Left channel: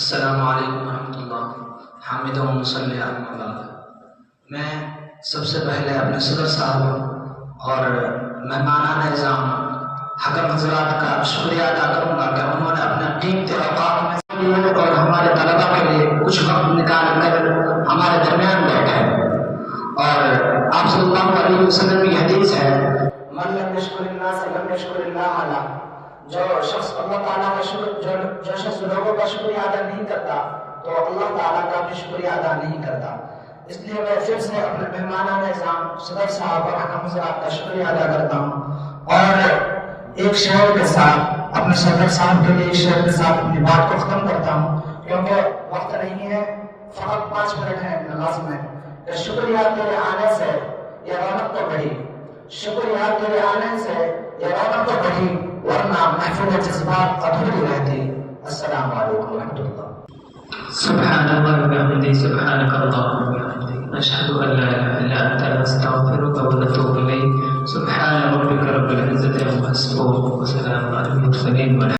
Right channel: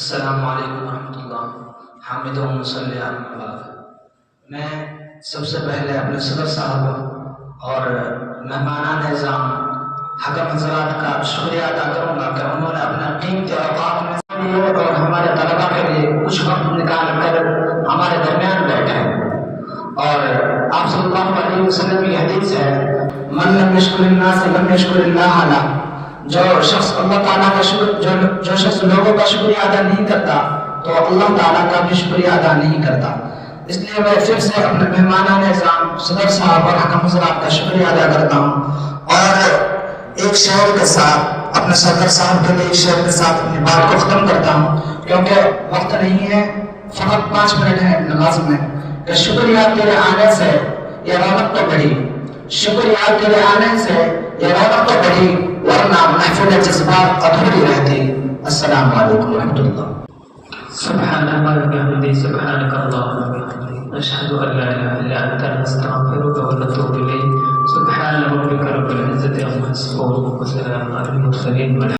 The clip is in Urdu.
السلام علیکم ورحمۃ اللہ حامد و مصلی علی میں سب سے پہلے اپنے صدر صاحب اور مہمانان نظام حکم حضرات کا شکریہ ادا کروں گا کہ انہوں نے اپنے قیمتی اوقات میں لیے اور ہمارے طلبا کے لیے کچھ وقت نکال کر ہمارے درمیان بیٹھے. اور آپ صلی اللہ علیہ وسلم کی حدیث ہے من لم یشکر الناس لم یشکر اللہ علیہ. جو شخص اللہ تعالیٰ کا شکر جو شخص لوگوں کا شکریہ ادا نہیں کرتا تو اللہ تعالیٰ کا بھی شکریہ ادا نہیں کرتا. اس لیے میں پھر سے اپنے مہمانان نظام صدر صاحب اور حکم حضرات کا شکریہ ادا کرتا ہوں. اور ایک شعر کے ساتھ اپنے صدر صاحب کے لیے ایک شعر کے ساتھ اپنی بات کو ختم کرتا ہوں کیونکہ وقت نہیں ہے. فقط 5 منٹ ہے نماز میں. کہ شکریہ تیرے آنے سے یہ رونق تو بڑھی, شکریہ تیرے آنے سے یہ رونق تو بڑھی, ورنہ محفوظ جذبات ادھوری رہتی. السلام علیکم ورحمۃ اللہ. سبحان اللہ وبحمدہ سبحانک اللہم وبحمدک نشہد ان لا الہ الا انت نستغفرک ونتوب الیک. سبحان ربک رب العزة عما یصفون وسلام علی المرسلین.